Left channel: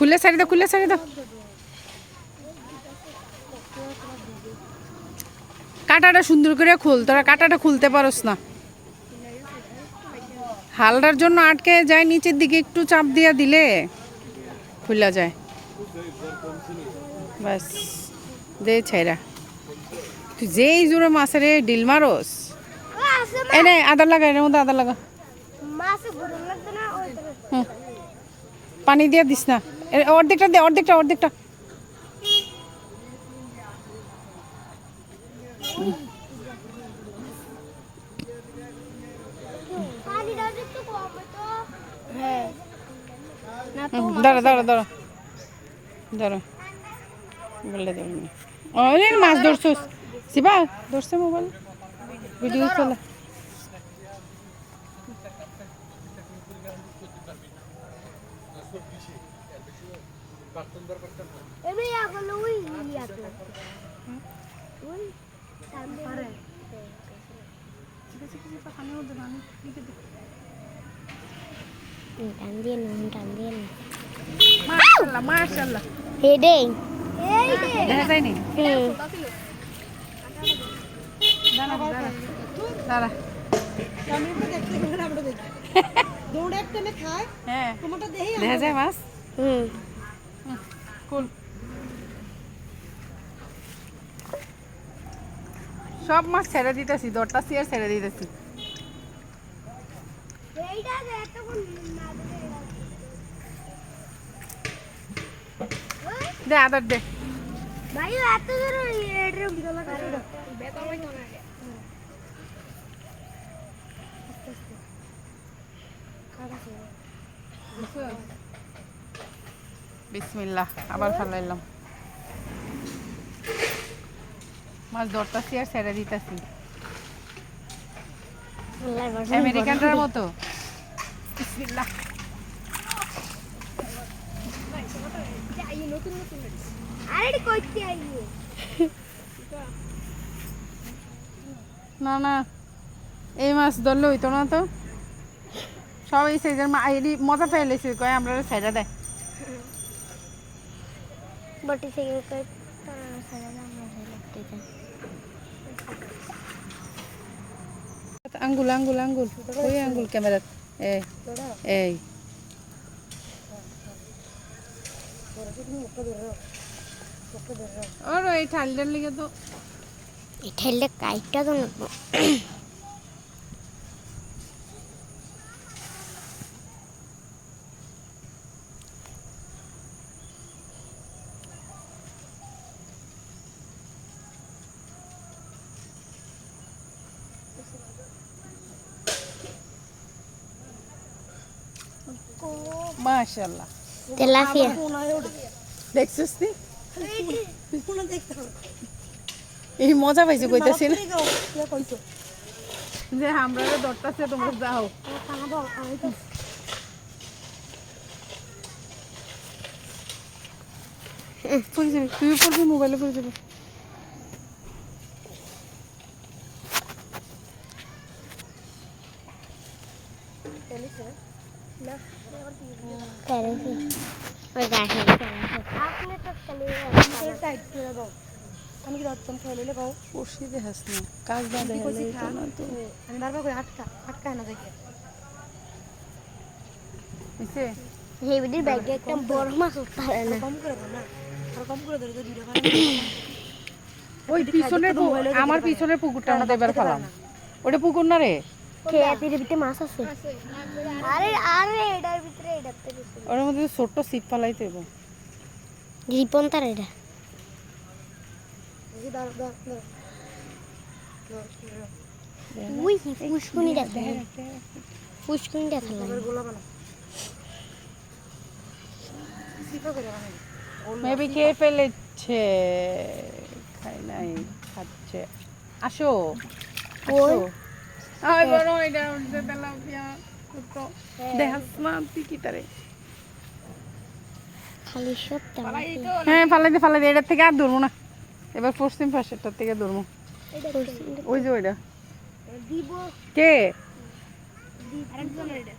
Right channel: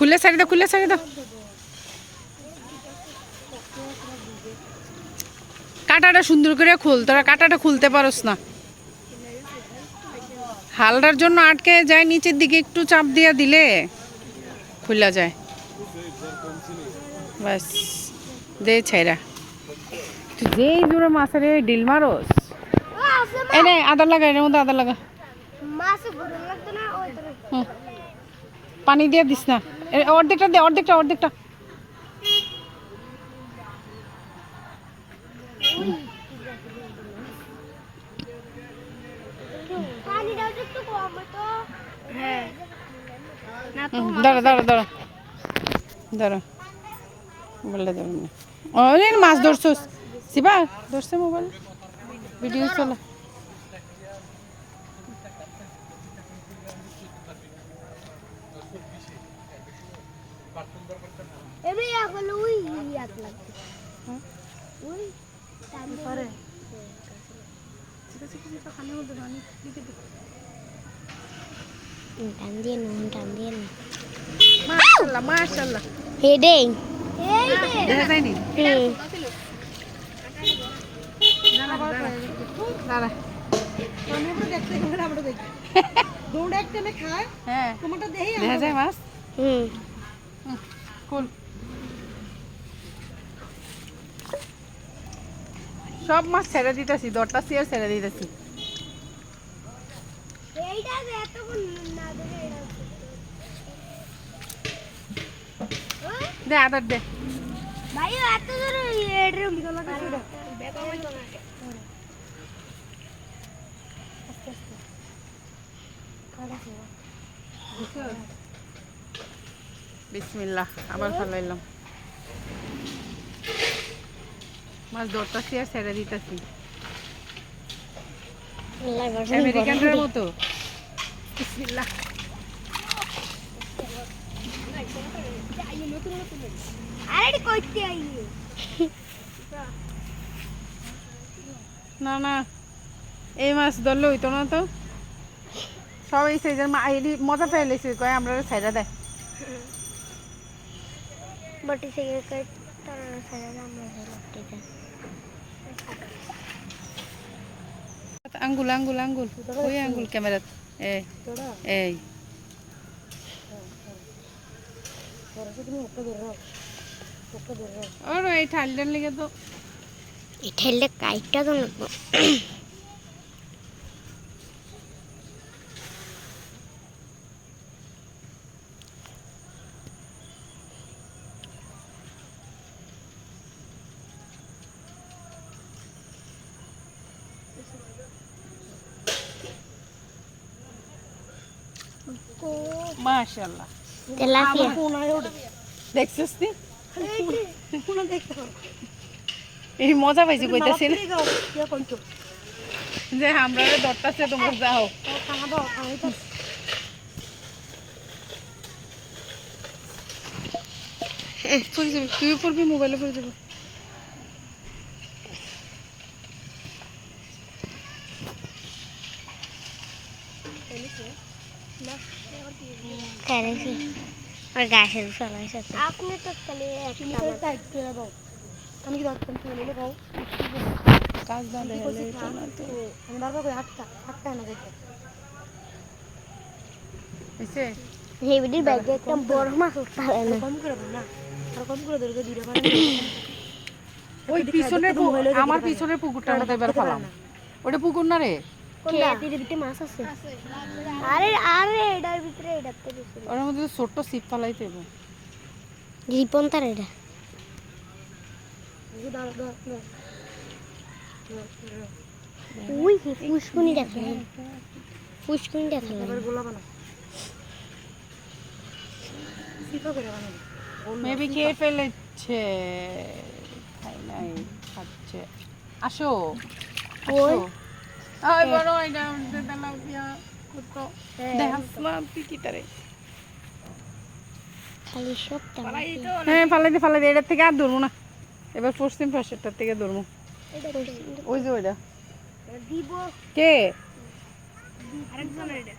খুলে ছাড়ি দাও, খুলে ছাড়ি দাও। কাঁটাটা সুন্দর করে খুল, তোরা কাঁটাটা খুলতে পারোস না। হালটার জন্য আটকে যায়, নিচের দিকে একটু চাপ দিয়ে দিলে খুলা যায়। বাস দে ছাইরা, তুই যেই জোরে মাছের ডিল মারোস। এই নে আদা লাগা, এর মধ্যে আদা লাগা। পানি দিয়ে দিস না, অর্ধেকটা দে, অর্ধেকটা অর্ধেকটা। দাঁড়া দাঁড়া দাঁড়া দাঁড়া, বললে দেবেন না। ওই মাছ ধরছোস শিবা, ধরছে মোবাইল ভিডিও চলে। মাশাআল্লাহ হেডিং দেখা যায়নি। দাঁড়া দাঁড়া দাঁড়া, দৌড়ে একটা খায়। হ্যাঁ তোমারটা দেখি দেখা যায় মাছ। কুল সব মাছ ছেড়ে দিতেছি, দরটা চেয়ার ছেড়ে দিতেছি। দে আদার দে। ভাই এত ধরে এর বিগলা কাছে বেতা হই না। বিসমিল্লাহ, আবার ফেলাইলাম মাছ, দরটা চেয়ার ছেড়ে দিতেছি আমেরিকানদের মতো। বিসমিল্লাহ। না না, এই মাছ ধরলে হইতো না তো, সব এই সাইজের মজা চাইলেছে, কয় আমরা ছাইড়া দেয়। বটি থেকে কই তারা ছাইড়া আমরা লটকে যায়। আঙ্গুল আঙ্গুল আঙ্গুল, ওই আঙ্গুল ক্যামেরা, এই এই আর এই ঠান্ডার লেগে তো এই ঠেললে কাইটটা তো লাগবে। মাশাআল্লাহ। তেলাপিয়া দেখছিস নি, এই মজা পাইছি কইতাছি না যে আমরা দরটাছে তোমরা যাও। তুই করবি, মোবাইলে করে যাবো। করেছি আর গাছে চলা আছে। আপনি তো খালি টাইট করে দাও। আমি কি ধরতাম চলে গাও কাজ না দেখলে আমি বারবার করে আটকা না দেখে এসে হেভিডির ব্যাগে একটা বড় মাছ পারে না। কম করে দাও না, আর কম করে ধরে দুইটা ওই পিছনে আমার পিছনের পুকুরটার মধ্যে এবার ফেলাম। ওটা পুকুর না রে, খেয়াতির ভিতরে মাছ আছে। আরে আরে এটার ভিতরে এটাতে ভিতরে ওর মধ্যে ছোট্ট ছিপ ফেলাইতে হবে। রিপন তার এটা উই পুষ্কুনি দেখা পুষ্কুনি দেখা লাগে। মেবি কে ফেলেছে, খাই নাই, খাচ্ছে। আসো ওই ওই বড় এটা উঠতে তেলাপিয়া তো দেখাস না তুই কি তারে। খালি সব হ্যাঁ ফালাইতে ফালাইতে, এটার থেকে আর ধরবো না, এবার পশ্চিম পাশেরটার থেকে ধরবো। ওই যে ওইটা দিব কে আরেকজন এটা